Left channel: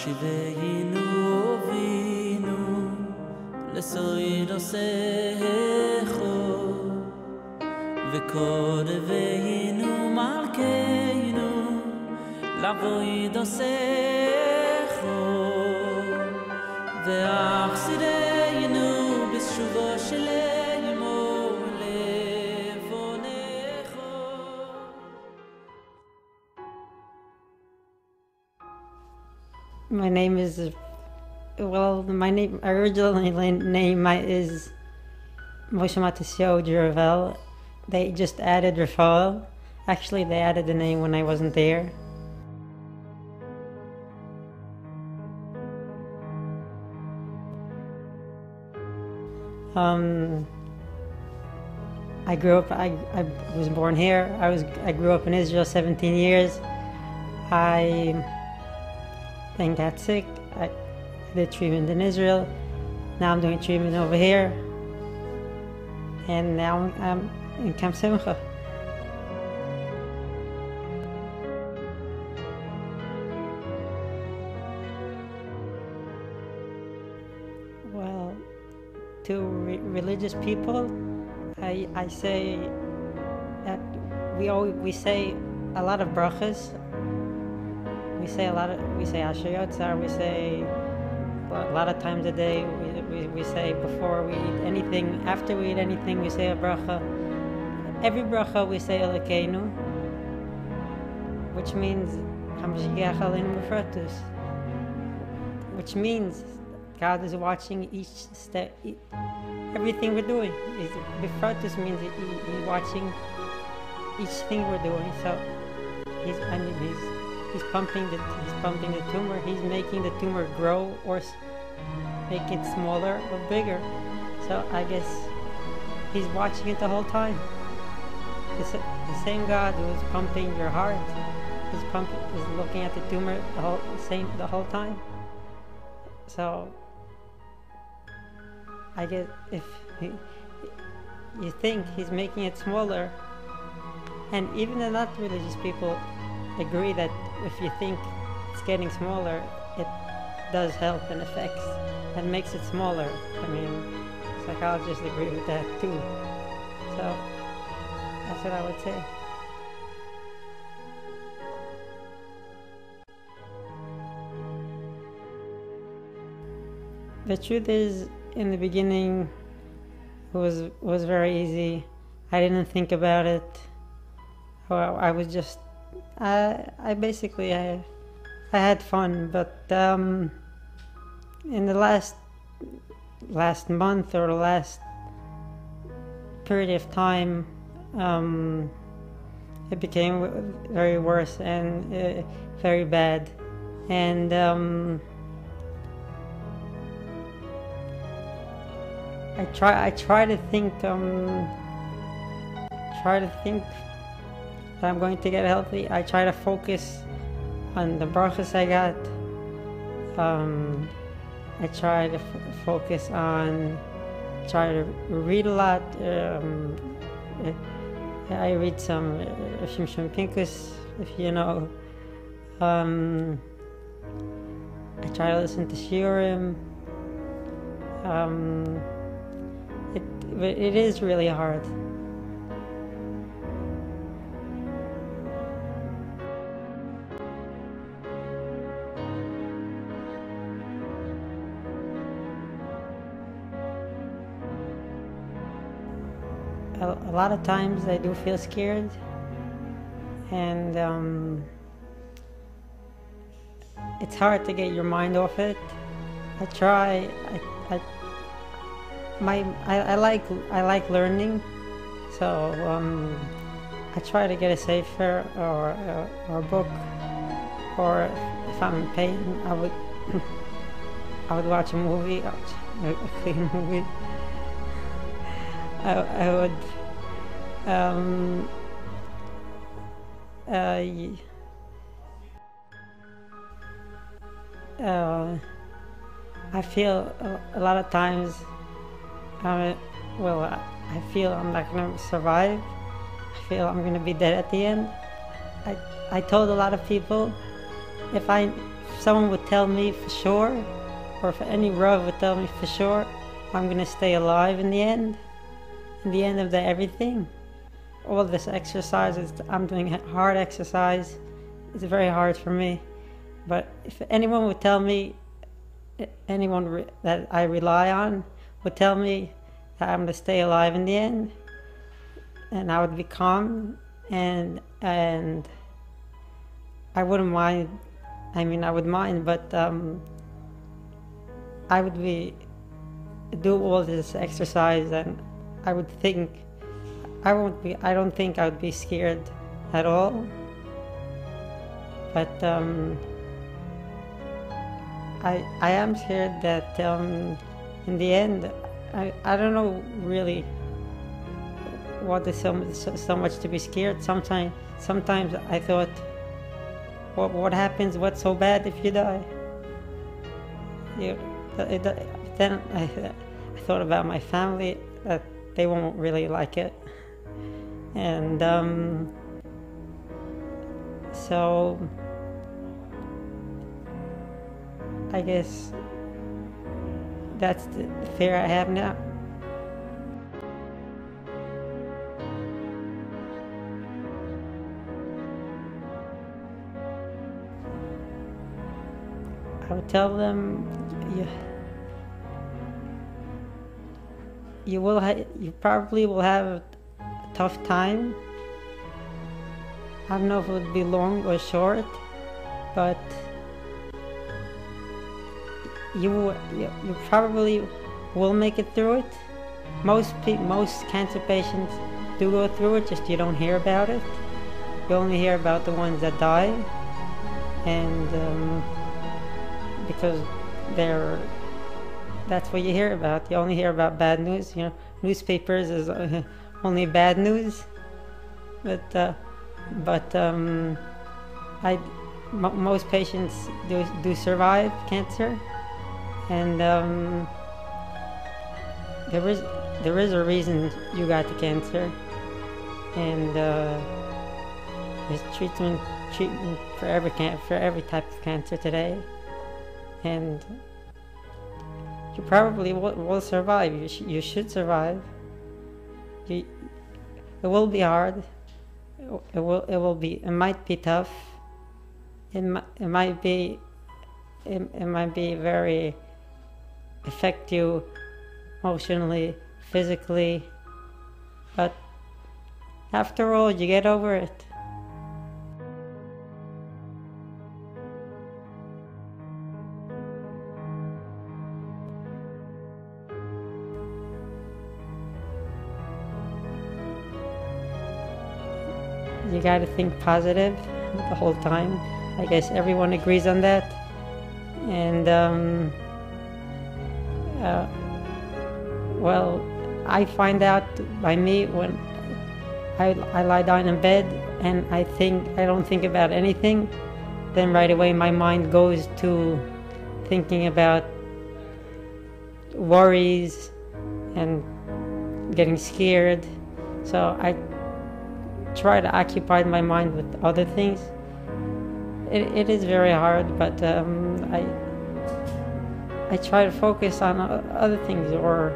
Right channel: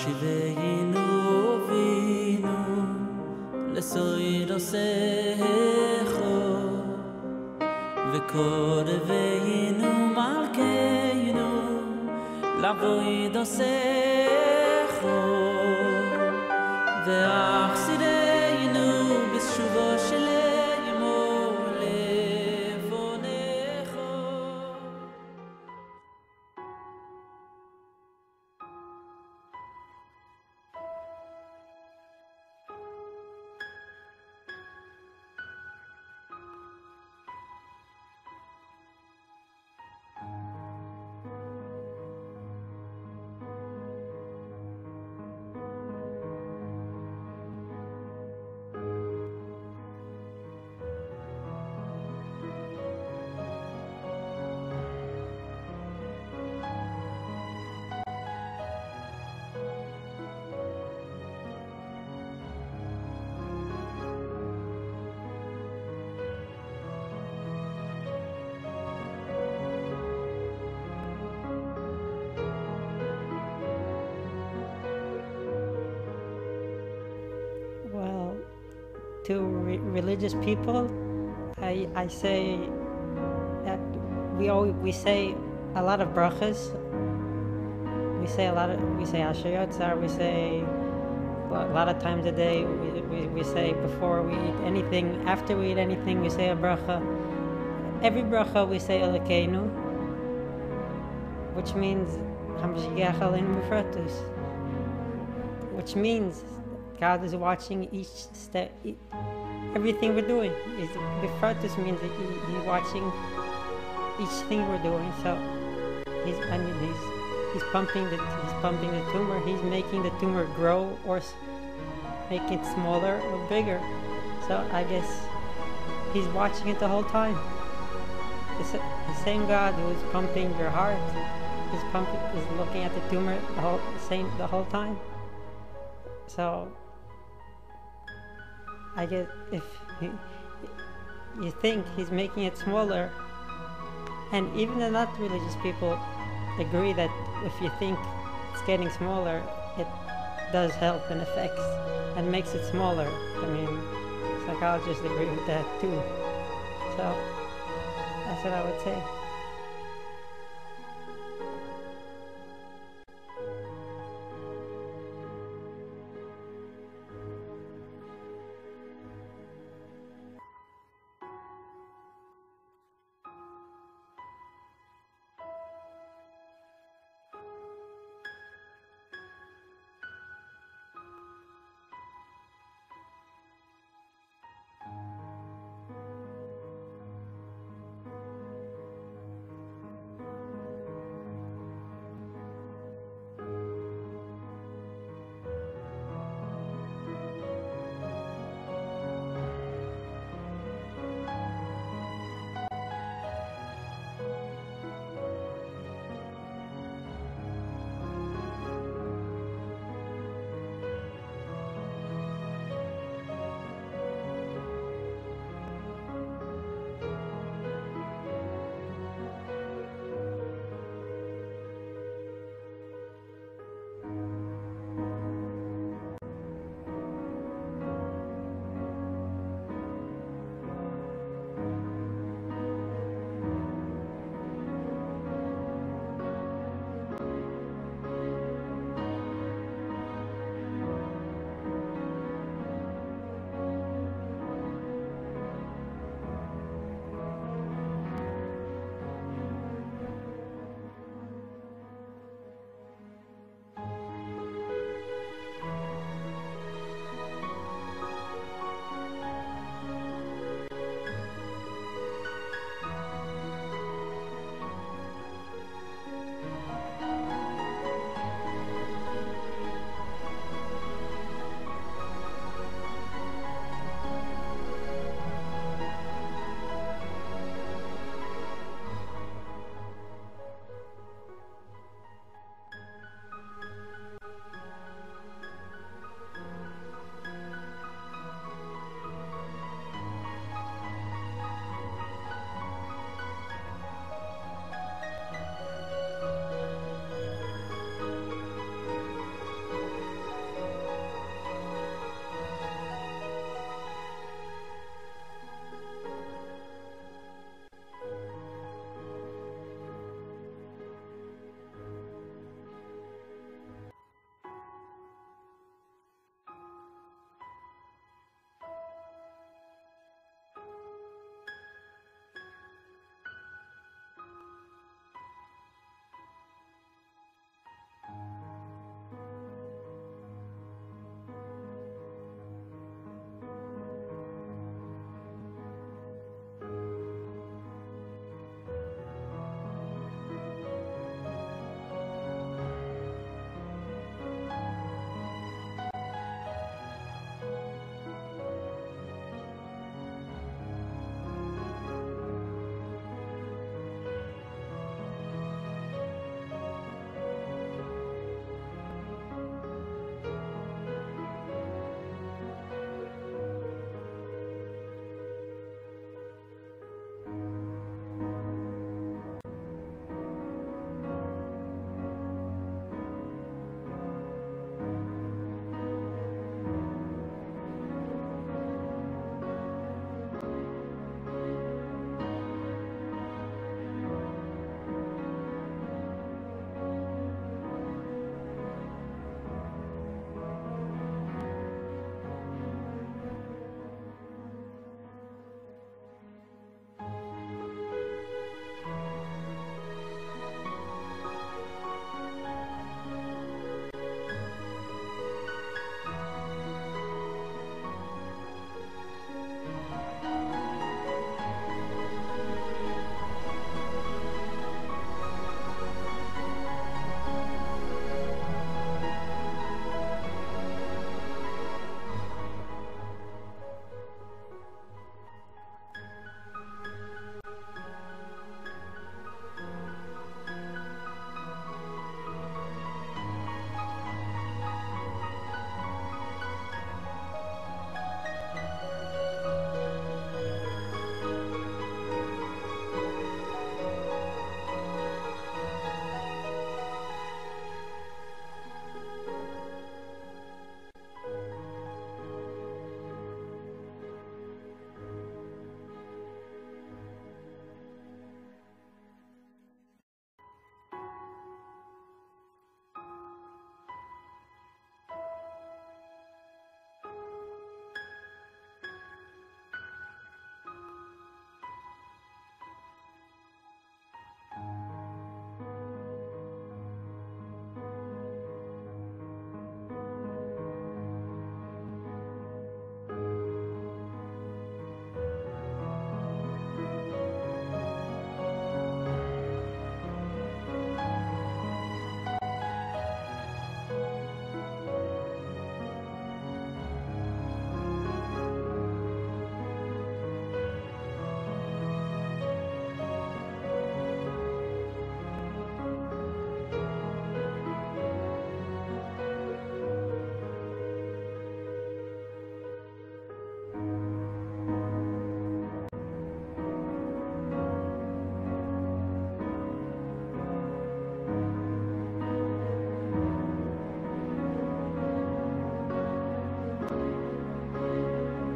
Shiveinu Vinu Lesoirosecho Vekoreveinu Malkeinu Lavoidosecho Veachsireinu Bishuvo Sheleimo Levonecho. My name is, well, my original name is Moshe Mattisyahu Juravel. They just added Rafael. Actually, they added the name when I wasn't there. I grew up, I was born here. I grew up in Israel 17 years. I then got sick. I did treatment in Israel. Now I'm doing treatment over here. And now I'm in Camp Simcha. Well, to religious people, I say that we say a lot of brachas. We say Asher Yotzar. We say a lot of times a day. We say before we eat anything, after we eat anything, we say a bracha. Every bracha we say Elokeinu, which means Hamashgiach Aleinu B'fratus, which means God is watching each step, everything we're doing. B'fratus means He's watching each thing we're doing. So He's pumping the tumor. He's making the tumor grow or make it smaller or bigger. So I guess He's watching it the whole time. The same God who is pumping your heart is looking at the tumor the whole time. So I guess if you think He's making it smaller, and even the not religious people agree that if you think it's getting smaller, it does help and affects and makes it smaller. I mean, psychologists agree with that too. So that's what I would say. The truth is, in the beginning, it was very easy. I didn't think about it. I was just, I had fun, but in the last month or the last period of time, it became very worse and very bad, and I try to think that I'm going to get healthy. I try to focus on the brachas I got. I try to try to read a lot. I read some Shimshon Kinkus, if you know. I try to listen to shiurim. It is really hard. A lot of times I do feel scared, and it's hard to get your mind off it. I try. I like learning, so I try to get a sefer or a book, or if I'm painting, I would watch a movie, a clean movie. I feel a lot of times, I feel I'm not going to survive. I feel I'm going to be dead at the end. I told a lot of people, if I if someone would tell me for sure, or if any Rav would tell me for sure, I'm going to stay alive in the end of everything. All this exercises, I'm doing hard exercise. It's very hard for me. But if anyone would tell me, anyone that I rely on would tell me that I'm going to stay alive in the end, and I would be calm, and I wouldn't mind. I mean, I would mind, but I would do all this exercise, and I would think I don't think I would be scared at all. But I am scared that in the end, I don't know really what is so much to be scared. Sometimes I thought, what happens? What's so bad if you die? Then I thought about my family, that they won't really like it, and so I guess that's the fear I have now. I would tell them, you probably will have a tough time. I don't know if it would be long or short, but you probably will make it through it. Most cancer patients do go through it, just you don't hear about it. You only hear about the ones that die, and because that's what you hear about. You only hear about bad news. Newspapers is only bad news. But most patients do survive cancer, and there is a reason you got the cancer, and there's treatment for every type of cancer today, and you probably will survive. You should survive. It will be hard. It might be tough. It might be very affect you emotionally, physically, but after all, you get over it. You got to think positive the whole time. I guess everyone agrees on that. And well, I find out by me when I lie down in bed and I don't think about anything, then right away my mind goes to thinking about worries and getting scared. So I try to occupy my mind with other things. It is very hard, but I try to focus on other things, or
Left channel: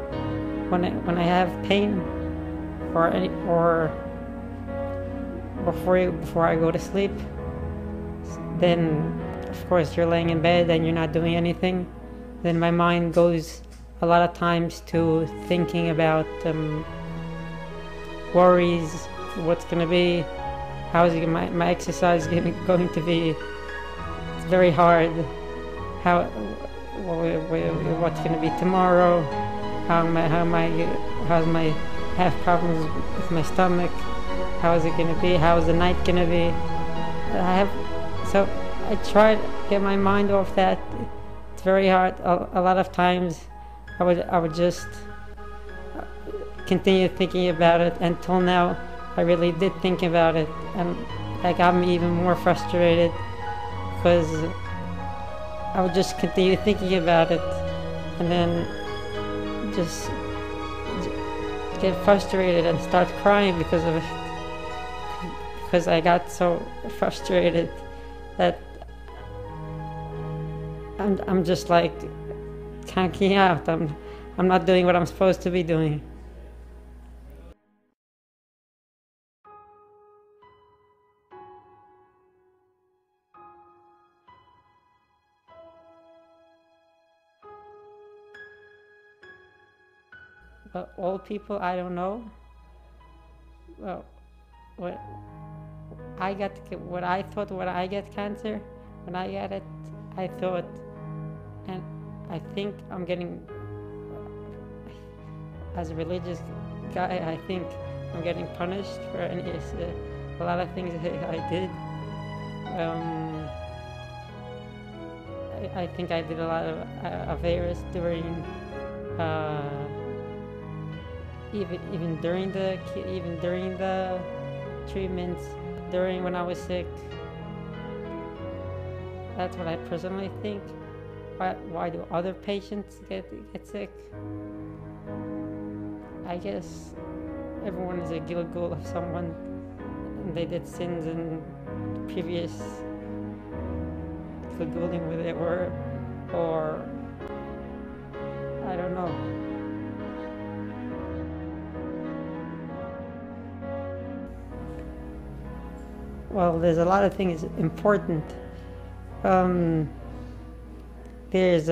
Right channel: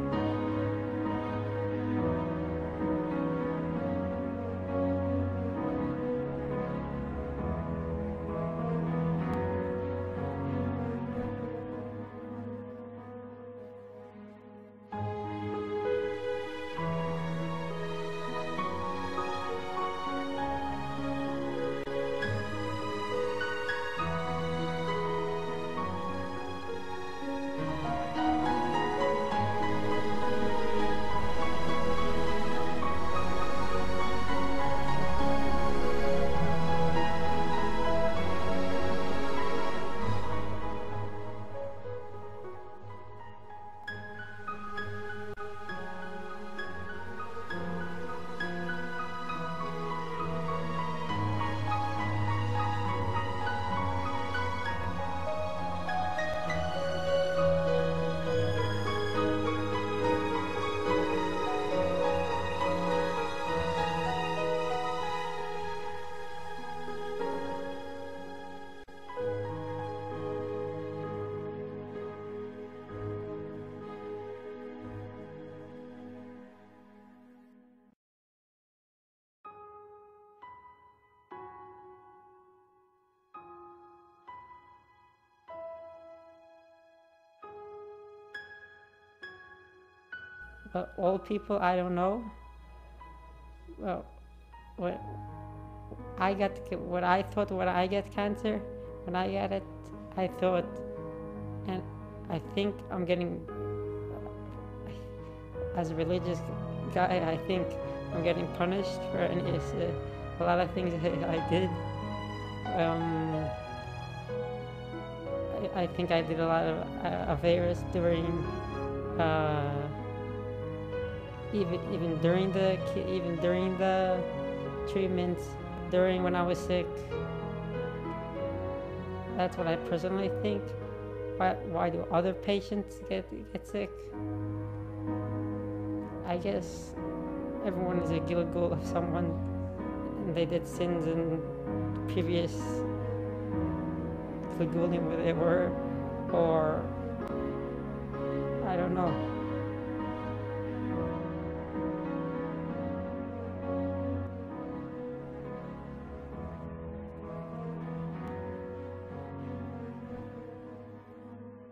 when I have pain, or before I go to sleep. Then, of course, you're laying in bed and you're not doing anything. Then my mind goes a lot of times to thinking about worries. What's going to be? How is my exercise going to be? It's very hard. What's going to be tomorrow? How am I have problems with my stomach? How is it going to be? How is the night going to be? So I try to get my mind off that. It's very hard. A lot of times I would just continue thinking about it. Until now, I really did think about it, and that got me even more frustrated, because I would just continue thinking about it and then just get frustrated and start crying because of it, because I got so frustrated that I'm just like conking out. I'm not doing what I'm supposed to be doing. But all people I don't know. Well, what I thought when I get cancer, when I get it, I thought, and I think I'm getting, as a religious guy, I think I'm getting punished for a lot of things I did. I think I did a lot of averas during, even during the treatments, during when I was sick. That's what I personally think. Why do other patients get sick? I guess everyone is a gilgul of someone, and they did sins in previous gilgulim where they were, or I don't know. Well, there's a lot of things important. There's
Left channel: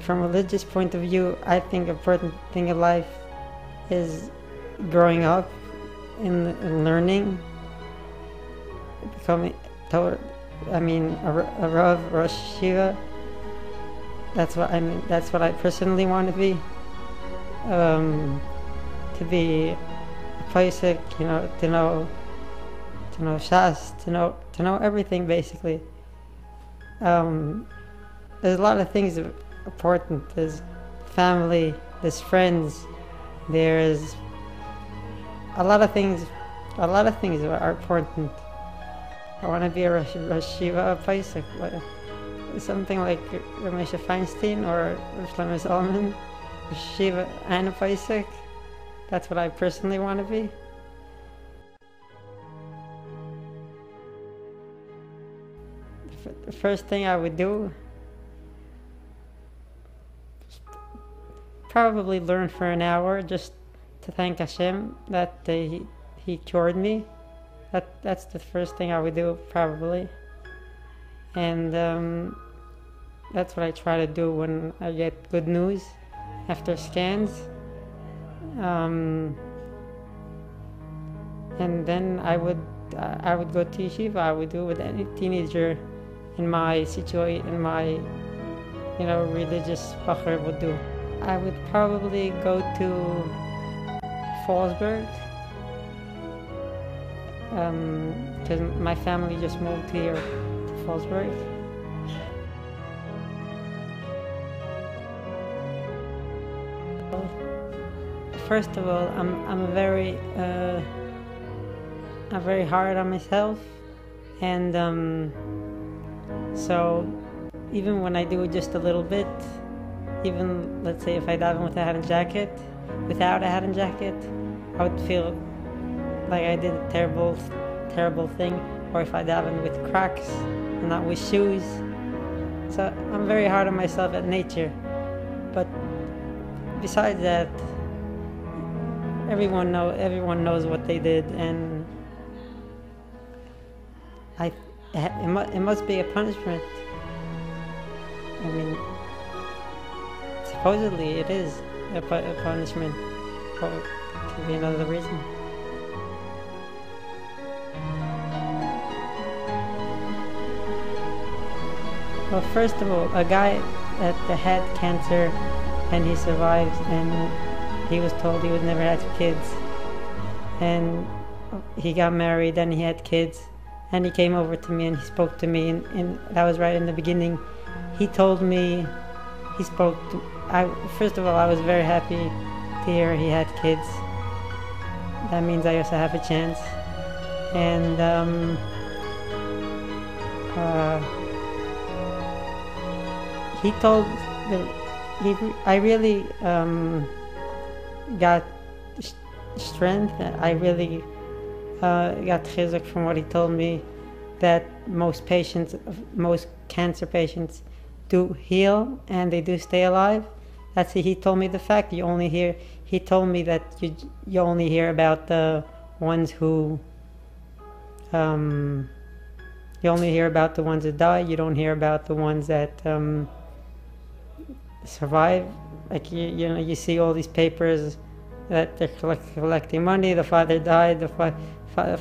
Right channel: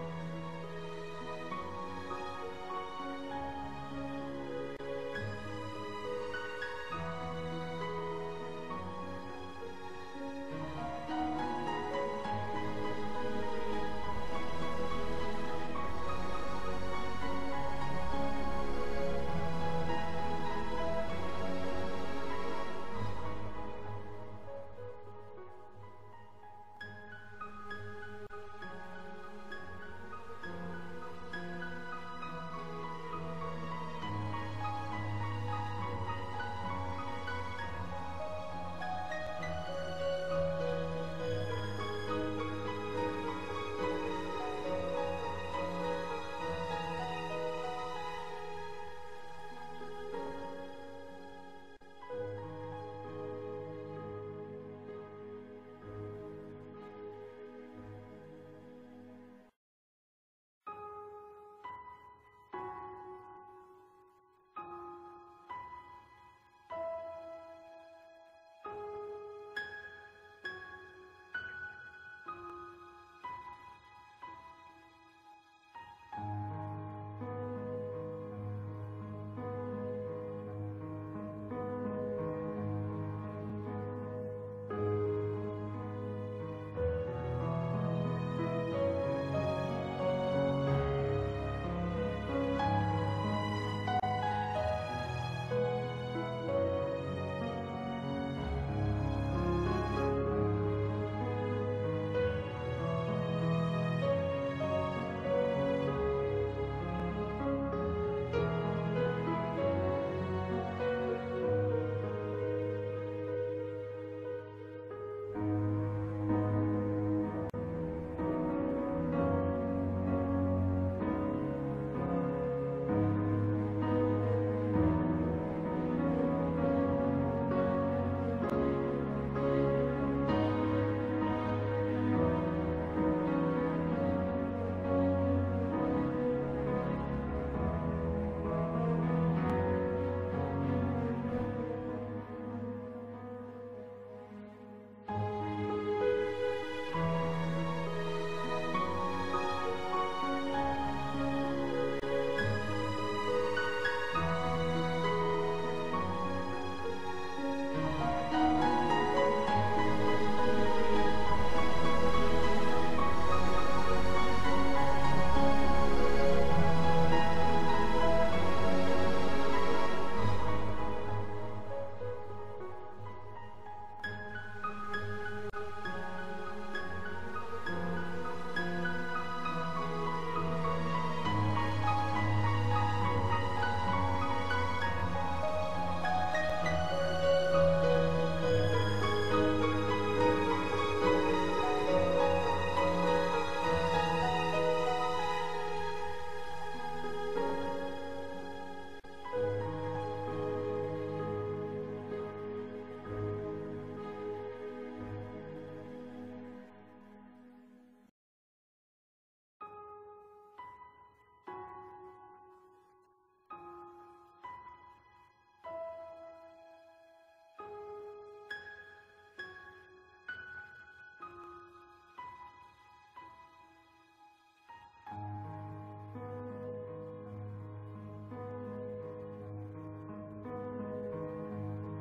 from a religious point of view, I think important thing in life is growing up and learning, becoming a Rav, Rosh Yeshiva. That's what I personally want to be. To be Pesach, to know Shas, to know everything basically. There's a lot of things important. There's family, there's friends, there's a lot of things are important. I want to be a Rosh Yeshiva Pesach, something like Moshe Feinstein or Orman, Rosh Yeshiva and a Pesach. That's what I personally want to be. The first thing I would do, probably learn for an hour just to thank Hashem that He cured me. That's the first thing I would do, probably. And that's what I try to do when I get good news after scans. And then I would go to yeshiva. I would do what any teenager in my situation, religious bacher would do. I would probably go to Fallsburg, because my family just moved here to Fallsburg. First of all, I'm very hard on myself, and so even when I do just a little bit, even let's say if I daven without a hat and jacket, I would feel like I did a terrible thing. Or if I daven with Crocs and not with shoes, so I'm very hard on myself at nature. But besides that, everyone knows what they did, and it must be a punishment. I mean, supposedly it is a punishment, or it could be another reason. Well, first of all, a guy that had cancer and he survived, and he was told he would never have kids, and he got married and he had kids, and he came over to me and he spoke to me, and that was right in the beginning. He told me, first of all, I was very happy to hear he had kids. That means I also have a chance. And he told I really got strength. I really got chizuk from what he told me, that most patients, most cancer patients, do heal and they do stay alive. He told me the fact. He told me that you only hear about the ones who you only hear about the ones that die. You don't hear about the ones that survive. Like you see all these papers that they're collecting money. The father died. The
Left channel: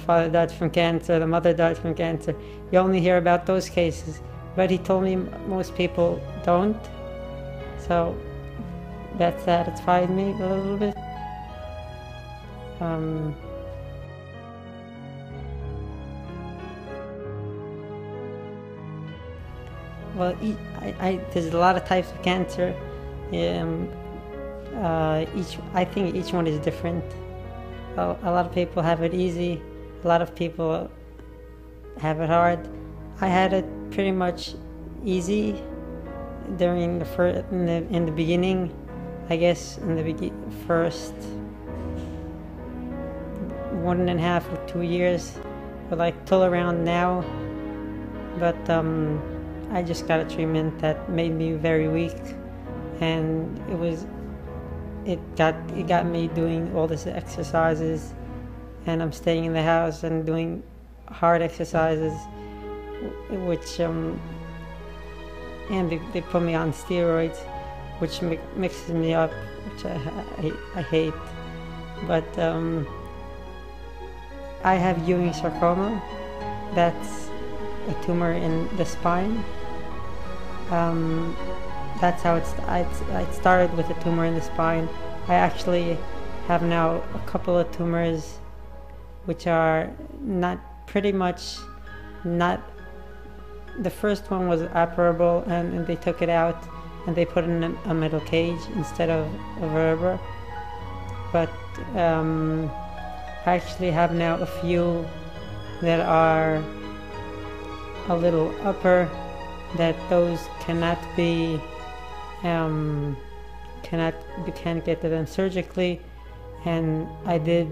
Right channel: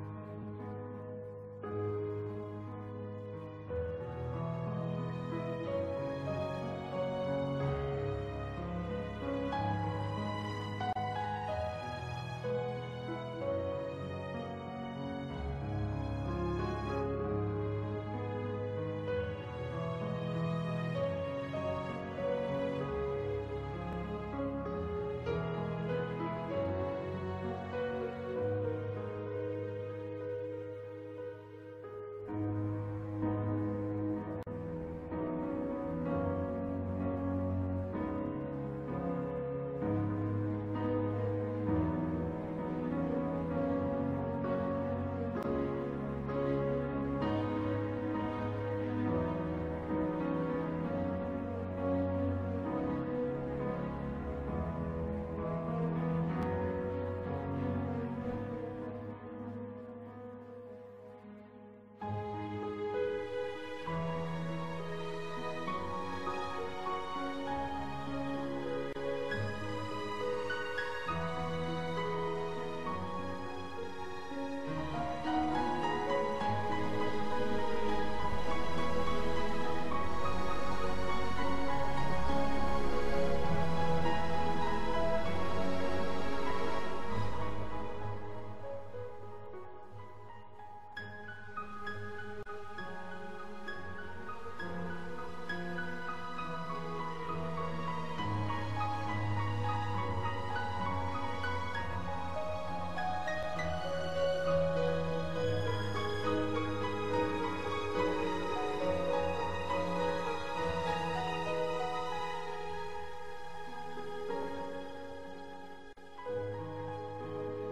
father died from cancer. The mother died from cancer. You only hear about those cases. But he told me most people don't. So that satisfied me a little bit. Well, there's a lot of types of cancer. I think each one is different. A lot of people have it easy. A lot of people have it hard. I had it pretty much easy during in the beginning. I guess in the first 1.5 or 2 years, but like till around now. But I just got a treatment that made me very weak, and it got me doing all these exercises, and I'm staying in the house and doing hard exercises, which and they put me on steroids, which mixes me up, which I hate. But I have Ewing sarcoma. That's a tumor in the spine. That's how I started with a tumor in the spine. I actually have now a couple of tumors which are pretty much not. The first one was operable, and they took it out and they put in a metal cage instead of a vertebra. But I actually have now a few that are a little upper, that those can't get to them surgically. And I did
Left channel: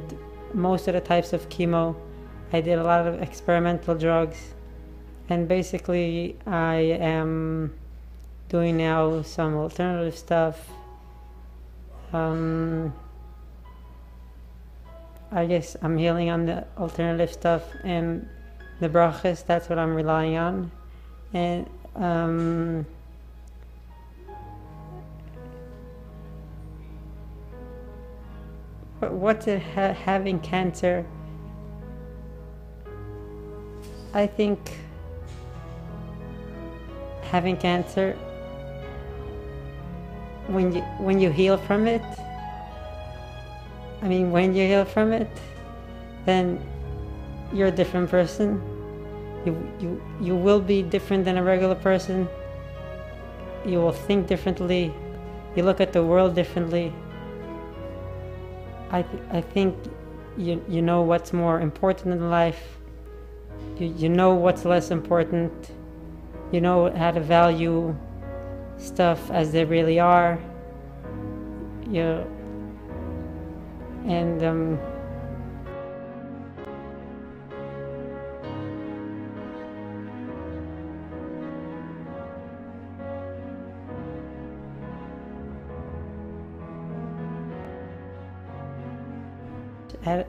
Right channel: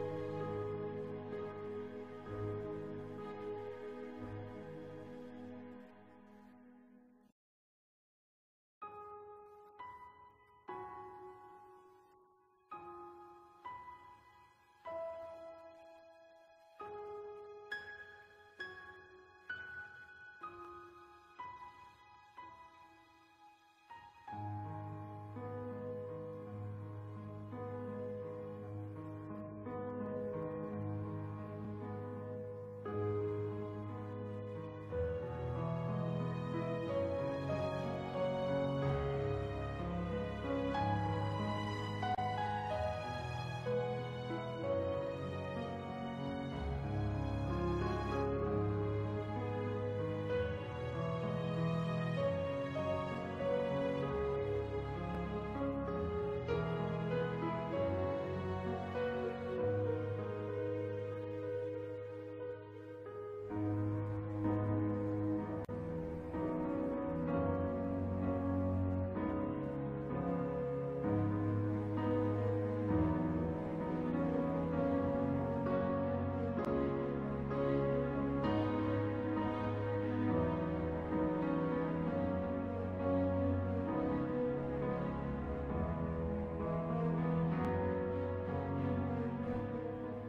most of the types of chemo. I did a lot of experimental drugs, and basically I am doing now some alternative stuff. I guess I'm healing on the alternative stuff and the brachas. That's what I'm relying on. And what's it having cancer? I think having cancer, when you heal from it, when you heal from it, then you're a different person. You will be different than a regular person. You will think differently. You look at the world differently. I think you know what's more important in life. You know what's less important. You know how to value stuff as they really are.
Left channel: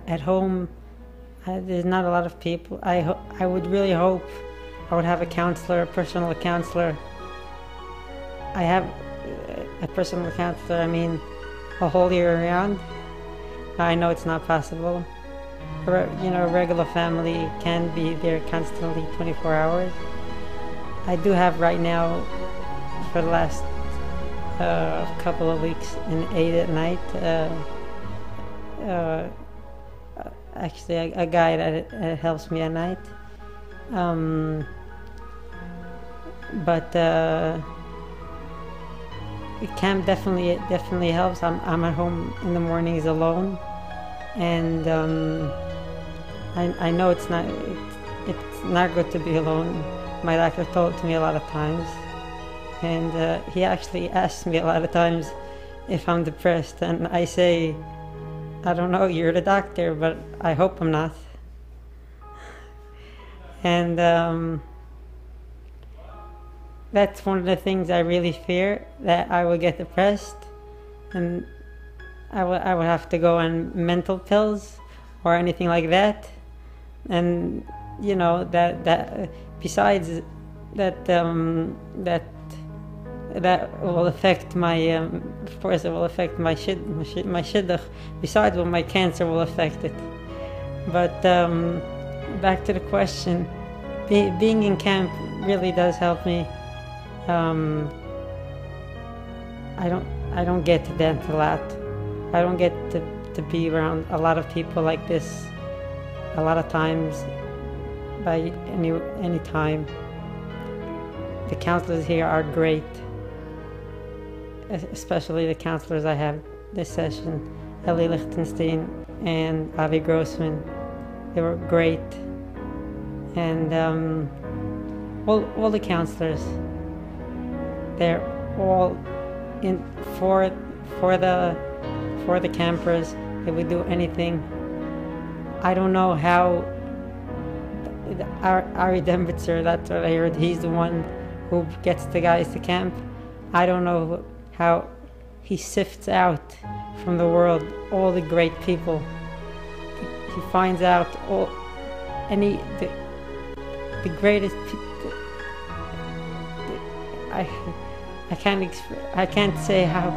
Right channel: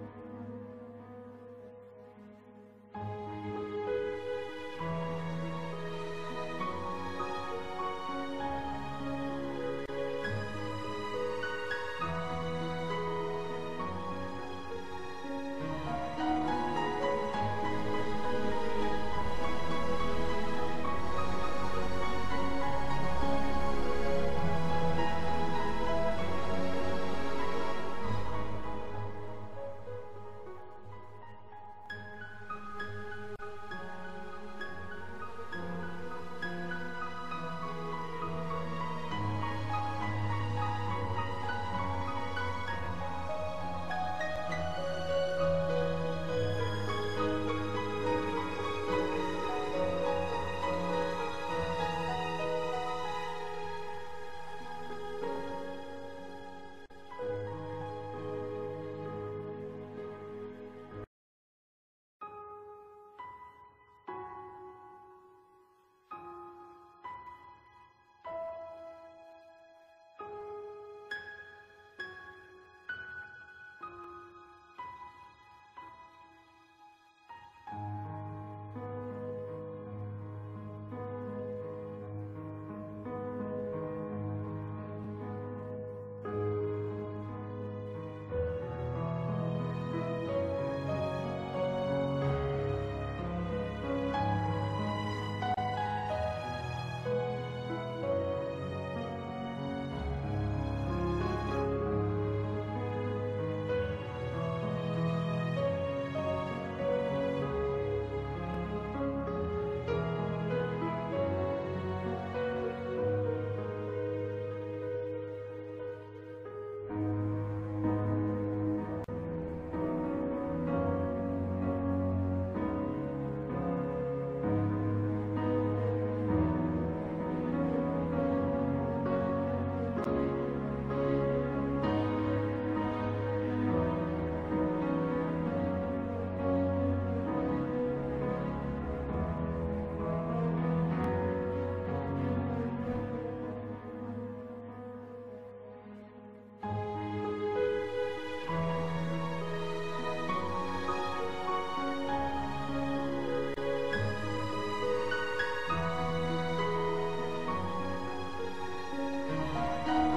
At home, there's not a lot of people. I would really hope I would have a counselor, a personal counselor. I have a personal counselor, a whole year round. I know it's not possible. A regular family can be there constantly 24 hours. I do have right now, for the last couple of weeks, an 8 at night. Actually, a guy that helps me at night. But it can definitely helps. I'm at home in the mornings alone, and I know it's not good to be alone. My doctor told it to me a lot of times, and he actually asked me a lot of times if I'm depressed, and I say, I don't know, you're the doctor, but I hope I'm not. And that's one of the things I really fear, that I will get depressed and I will have to go on mental pills or anything like that. And you know that besides that that will affect my of course it will affect my shidduch, besides what my cancer will affect it. But back to the question, being in camp really does help me. I don't get to dance a lot. I don't get to be around a lot of people like this a lot of times by any time. The counselors here are great, especially the counselors I have this session, Eli Lichtenstein and Avi Grossman. They were great, and all the counselors, they're all in for the campers. They would do anything. I don't know how Ari Dembitzer, that's what I heard, he's the one who gets the guys to camp. I don't know how he sifts out from the world all the great people. He finds out all the greatest people. I can't say how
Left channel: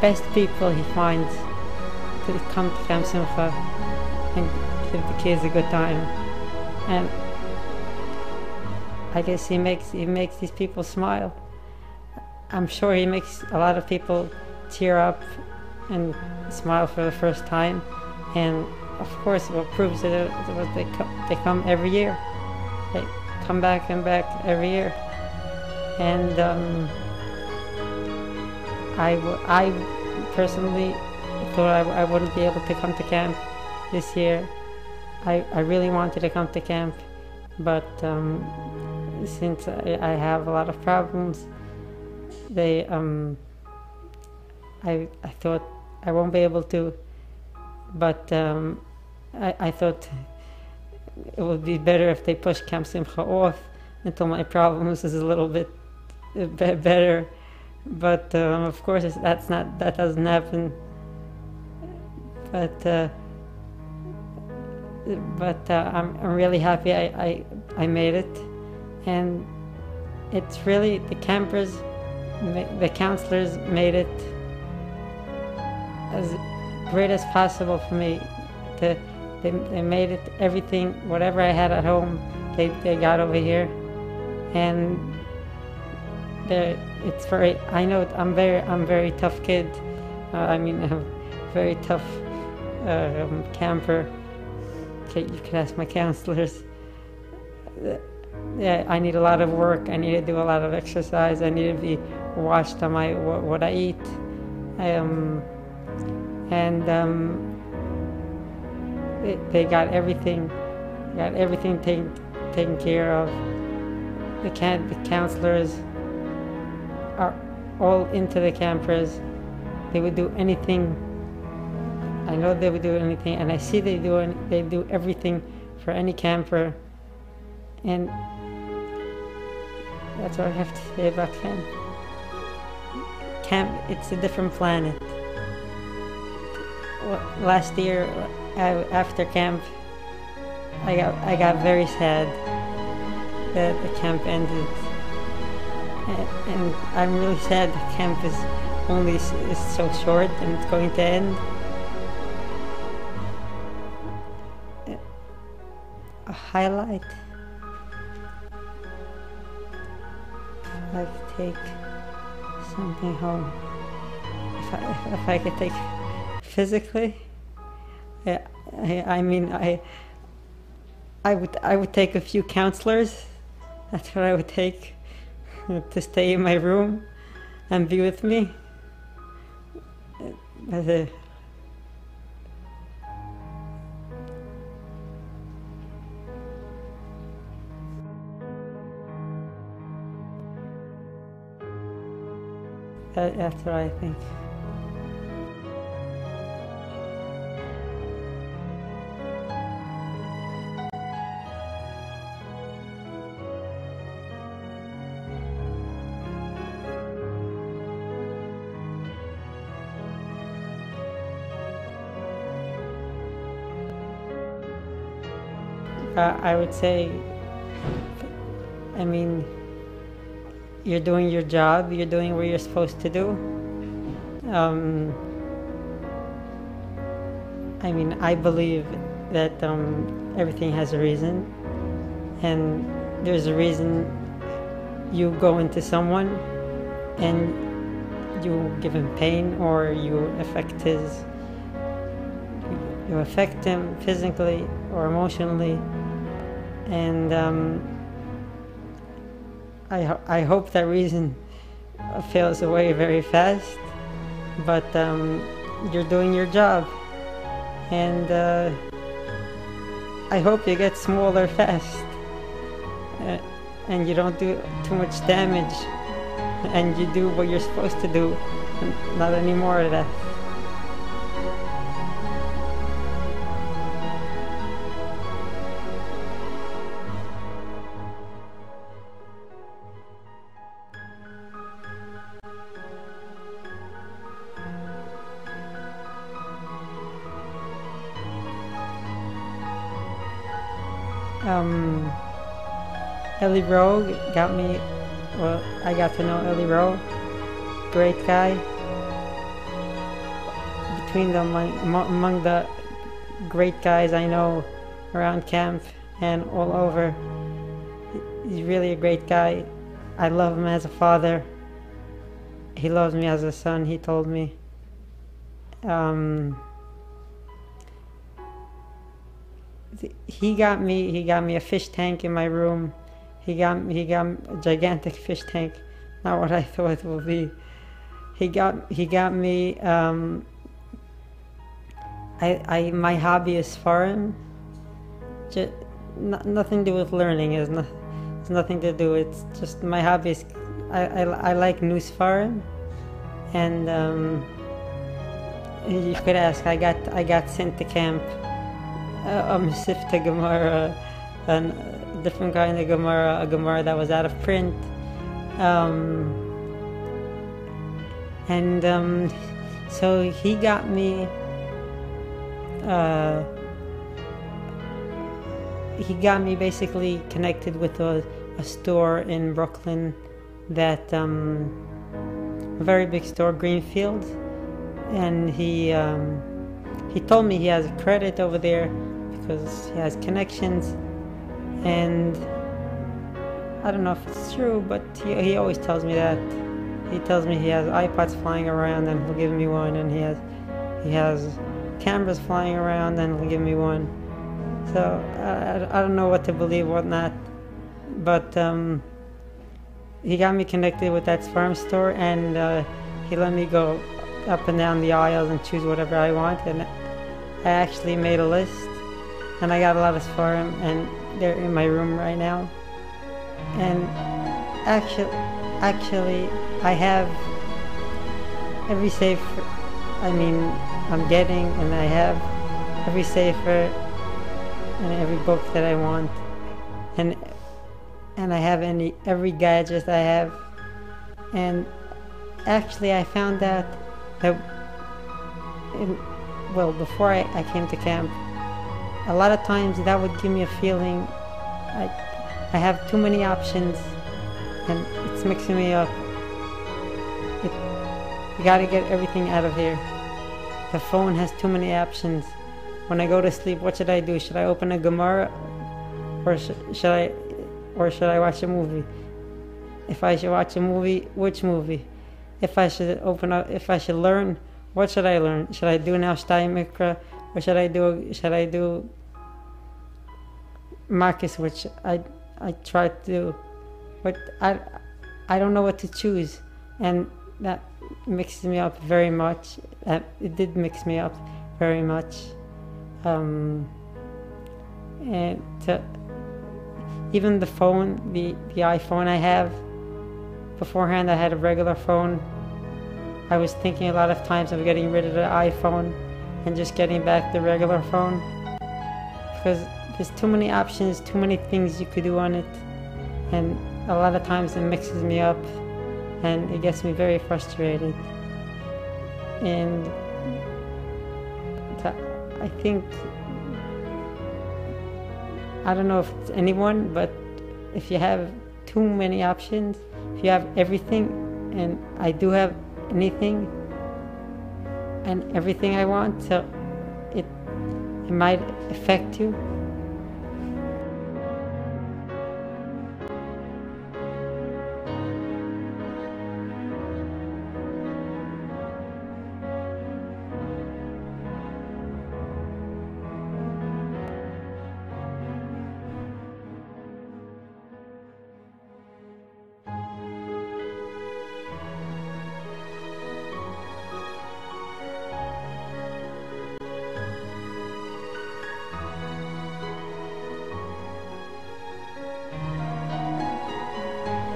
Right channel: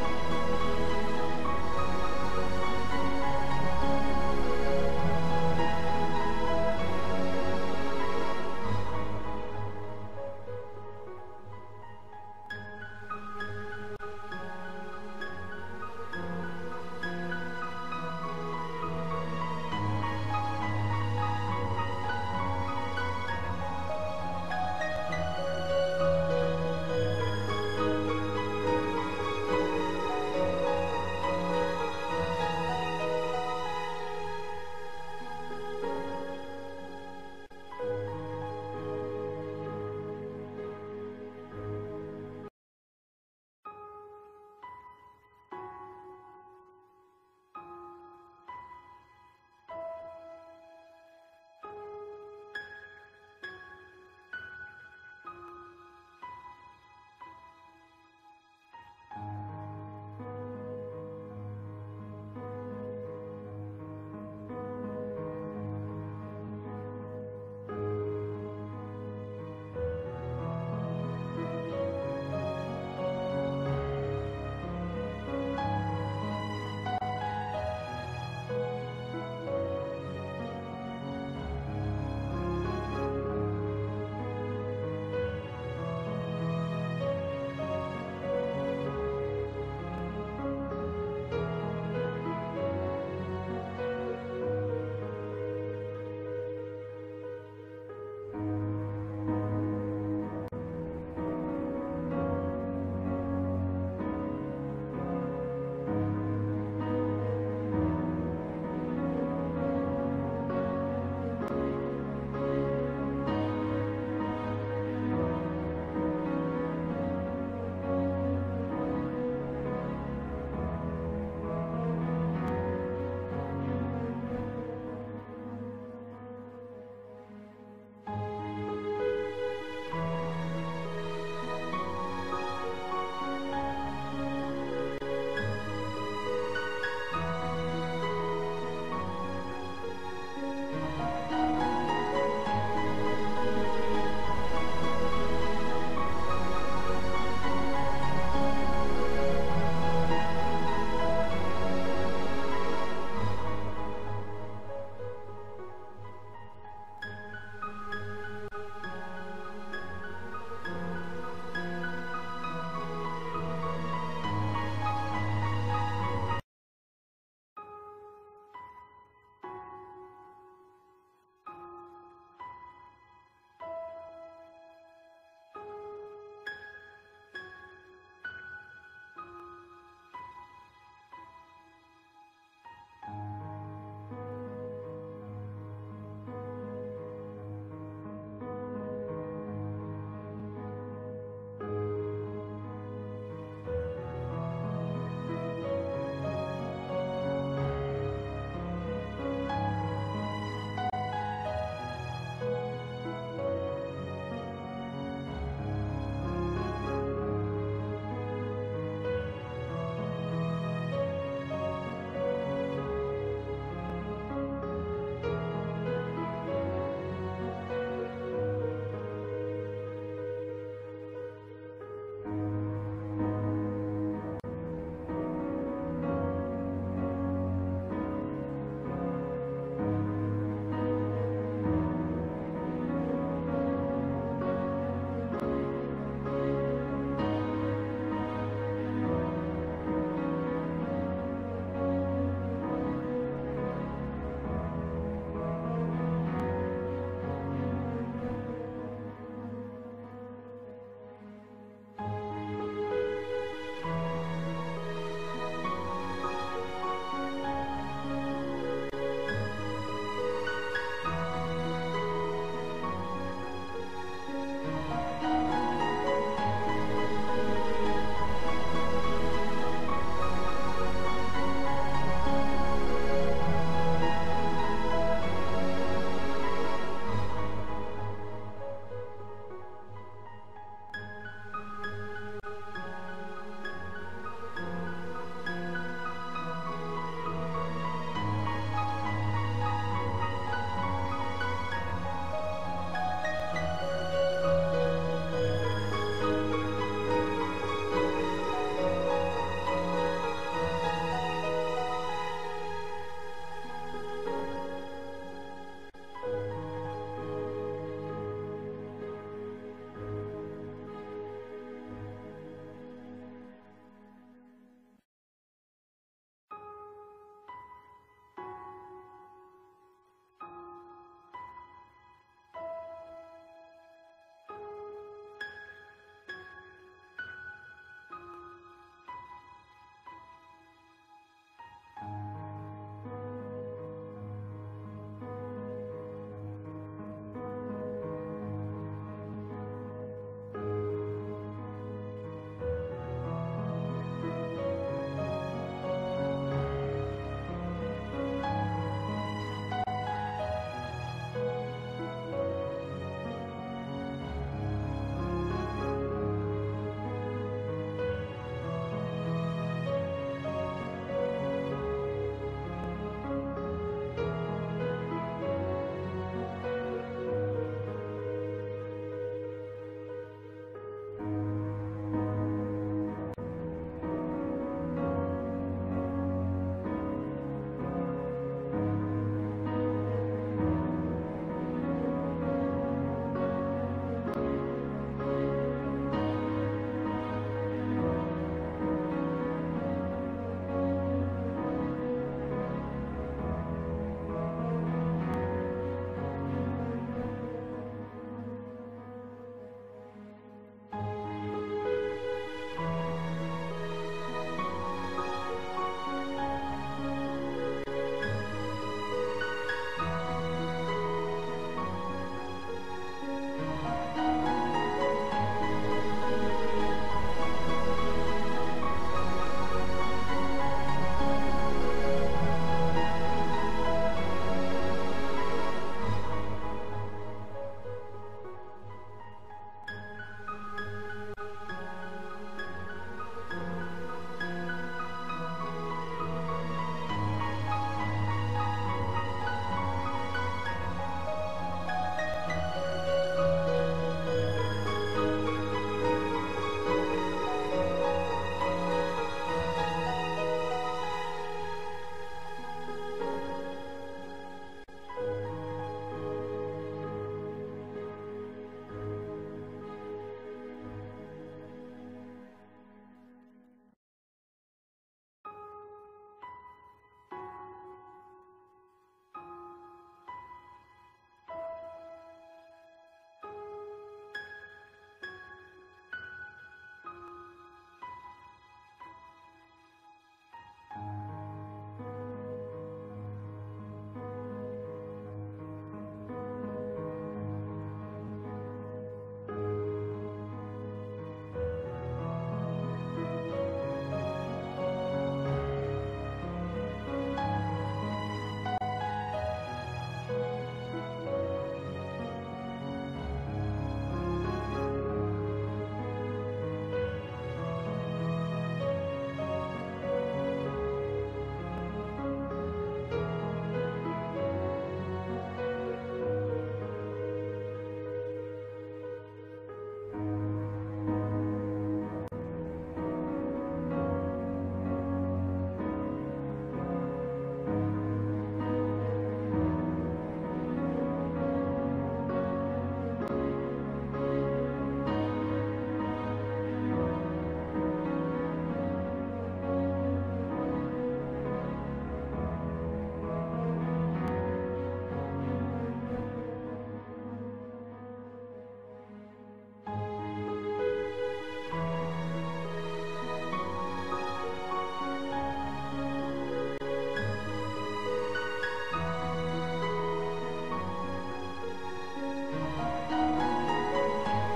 best people he finds to come to Camp Simcha and give the kids a good time. And I guess he makes these people smile. I'm sure he makes a lot of people tear up and smile for the first time. And of course, what proves it was they come every year. They come back and back every year. And I personally thought I wouldn't be able to come to camp this year. I really wanted to come to camp, but since I have a lot of problems, I thought I won't be able to, but I thought it would be better if they push Camp Simcha off until my problems is a little bit better. But of course that doesn't happen. But I'm really happy I made it, and it's really the campers, the counselors made it as great as possible for me. They made it everything, whatever I had at home, they got over here, and it's very. I know I'm very tough kid. I'm very tough camper. You can ask my counselors. Yeah, I need a lot of work. I need to do a lot of exercise. I need to be watched on what I eat. They got everything taken care of. The counselors are all into the campers. They would do anything. I know they would do anything, and I see they do everything for any camper, and that's what I have to say about camp. Camp, it's a different planet. Last year, after camp, I got very sad that the camp ended, and I'm really sad the camp is so short and it's going to end. A highlight. I could take something home. If I could take physically, yeah, I would take a few counselors. That's what I would take to stay in my room and be with me. That's what I think. I would say, I mean, you're doing your job, you're doing what you're supposed to do. I mean, I believe that everything has a reason, and there's a reason you go into someone and you give him pain, or you affect him physically or emotionally, and I hope that reason fails away very fast, but you're doing your job, and I hope you get smaller fast, and you don't do too much damage, and you do what you're supposed to do, not any more of that. Ellie Rowe got me, well, I got to know Ellie Rowe, great guy. Between them, among the great guys I know around camp and all over, he's really a great guy. I love him as a father. He loves me as a son, he told me. He got me a fish tank in my room. He got a gigantic fish tank, not what I thought it would be. He got me. My hobby is foreign. Just nothing to do with learning. It's nothing to do. It's just my hobby is. I like new foreign, and you could ask. I got sent to camp. A Sifta Gemara, a different kind of Gemara, a Gemara that was out of print, so he got me. He got me basically connected with a store in Brooklyn, that a very big store, Greenfield, and he told me he has credit over there because he has connections, and I don't know if it's true, but he always tells me that. He tells me he has iPods flying around and he'll give me one, and he has cameras flying around and he'll give me one. So I don't know what to believe, what not, but he got me connected with that farm store, and he let me go up and down the aisles and choose whatever I want, and I actually made a list, and I got a lot of sparring, and they're in my room right now. And actually I have every sefer, I'm getting, and I have every sefer and every book that I want, and I have every gadget I have. And actually I found out that before I came to camp, a lot of times that would give me a feeling I have too many options and it's mixing me up. You gotta get everything out of here. The phone has too many options. When I go to sleep, what should I do? Should I open a Gemara, or should I watch a movie? If I should watch a movie, which movie? If I should learn, what should I learn? Should I do now Shtay Mikra, or should I do Marcus, which I try to do, but I don't know what to choose, and that mixes me up very much. It did mix me up very much, and even the phone, the iPhone I have. Beforehand, I had a regular phone. I was thinking a lot of times of getting rid of the iPhone and just getting back the regular phone, because there's too many options, too many things you could do on it, and a lot of times it mixes me up and it gets me very frustrated. And I think I don't know if it's anyone, but if you have too many options, if you have everything, and I do have anything and everything I want, so it might affect you.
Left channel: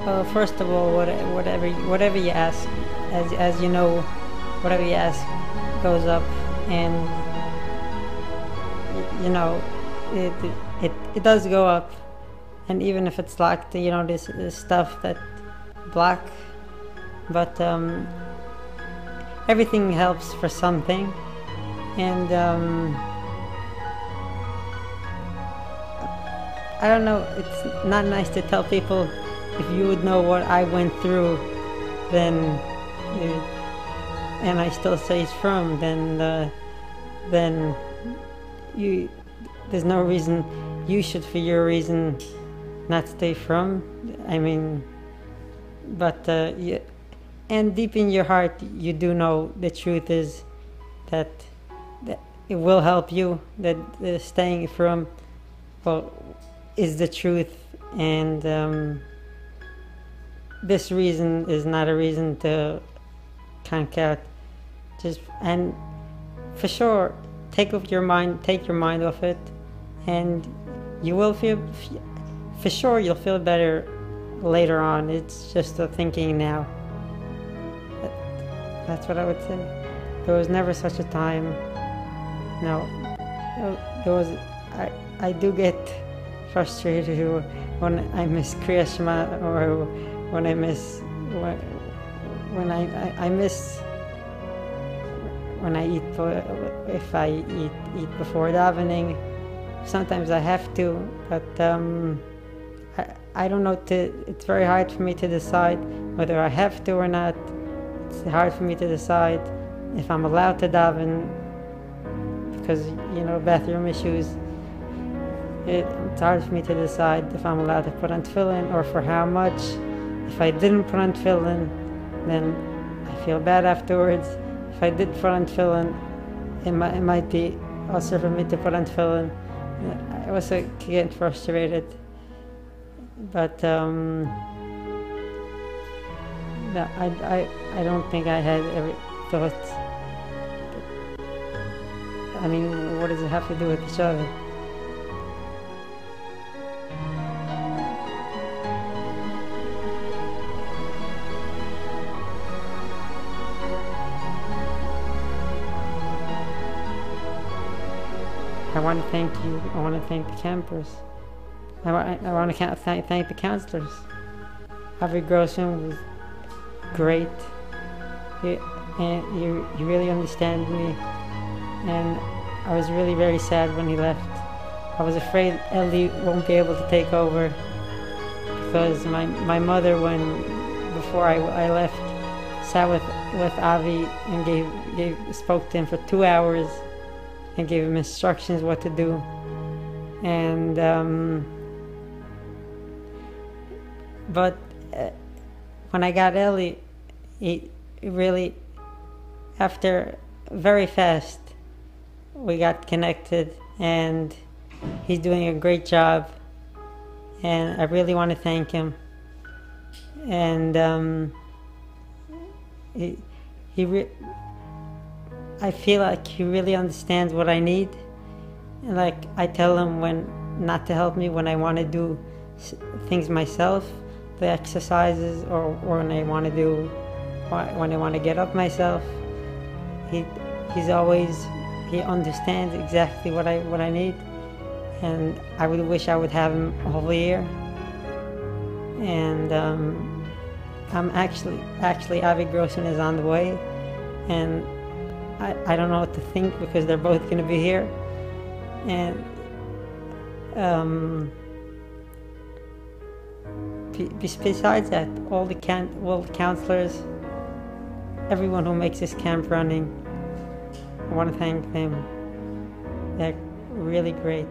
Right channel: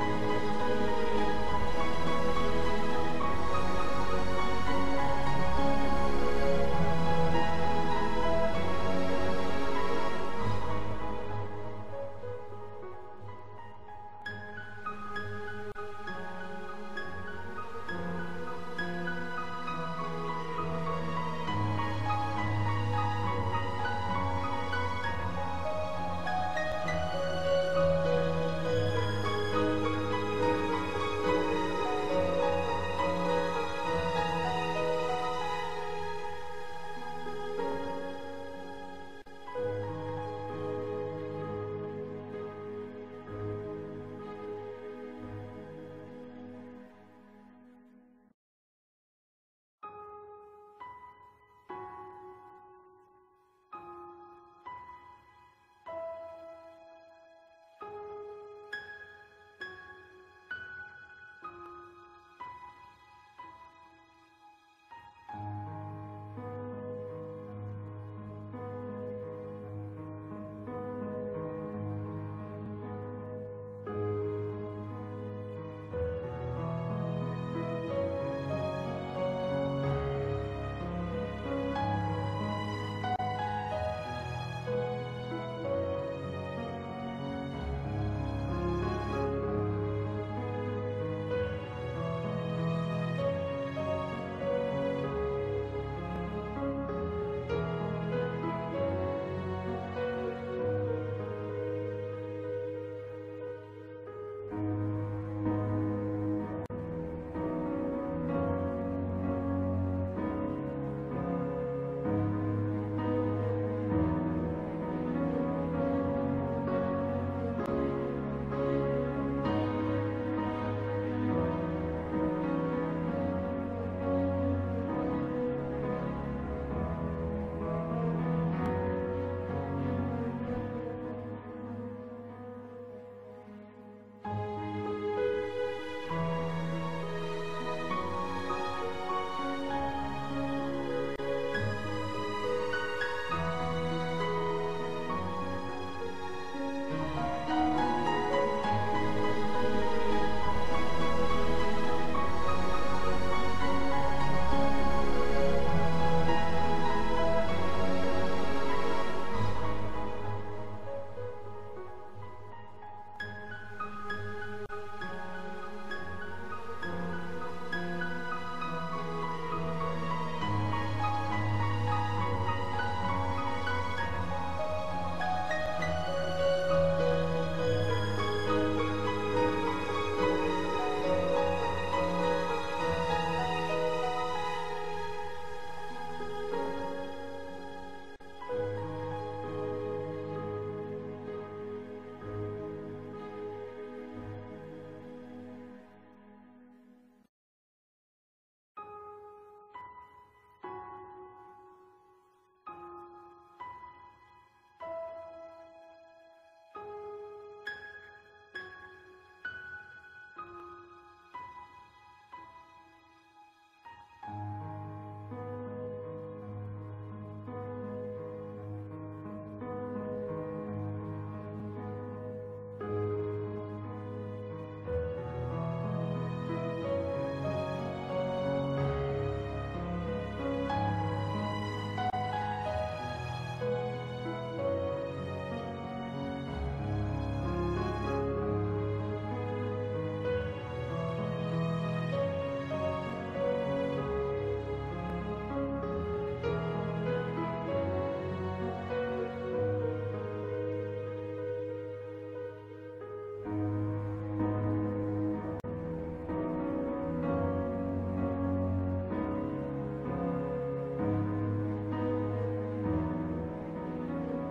Well, first of all, whatever you ask, as you know, whatever you ask goes up, and you know, it does go up, and even if it's locked, you know, this stuff that block, but everything helps for something, and I don't know, it's not nice to tell people. If you would know what I went through, then, and I still stay firm, then there's no reason you should, for your reason, not stay firm. I mean, but and deep in your heart, you do know the truth is that it will help you. That staying firm, well, is the truth, and. This reason is not a reason to conk out. And for sure, take your mind off it, and you will feel, for sure you'll feel better later on. It's just a thinking now. That's what I would say. There was never such a time. No, there was. I do get frustrated when I miss Kriya Shema, or when I miss when I eat, if I eat before davening. Sometimes I have to, but I don't know. It's very hard for me to decide whether I have to or not. It's hard for me to decide if I'm allowed to daven, because you know, bathroom issues. It's hard for me to decide if I'm allowed to put on tefillin, or for how much. If I didn't put on tefillin, then I feel bad afterwards. If I did put on tefillin, it might be also for me to put on tefillin. I was getting frustrated, but no, I don't think I had ever thought. I mean, what does it have to do with each other? I want to thank you. I want to thank the campers. I want to thank the counselors. Avi Grossman was great. You really understand me. And I was really very sad when he left. I was afraid Ellie won't be able to take over, because my mother, before I left, sat with Avi and spoke to him for 2 hours and gave him instructions what to do. And but when I got Ellie, he really, after very fast, we got connected, and he's doing a great job, and I really want to thank him. And I feel like he really understands what I need. And like, I tell him when not to help me when I want to do things myself, the exercises, or when I want to get up myself. He understands exactly what I need, and I would wish I would have him all year. And I'm actually Avi Grossman is on the way, and I don't know what to think, because they're both going to be here, and besides that, all the counselors, everyone who makes this camp running, I want to thank them. They're really great.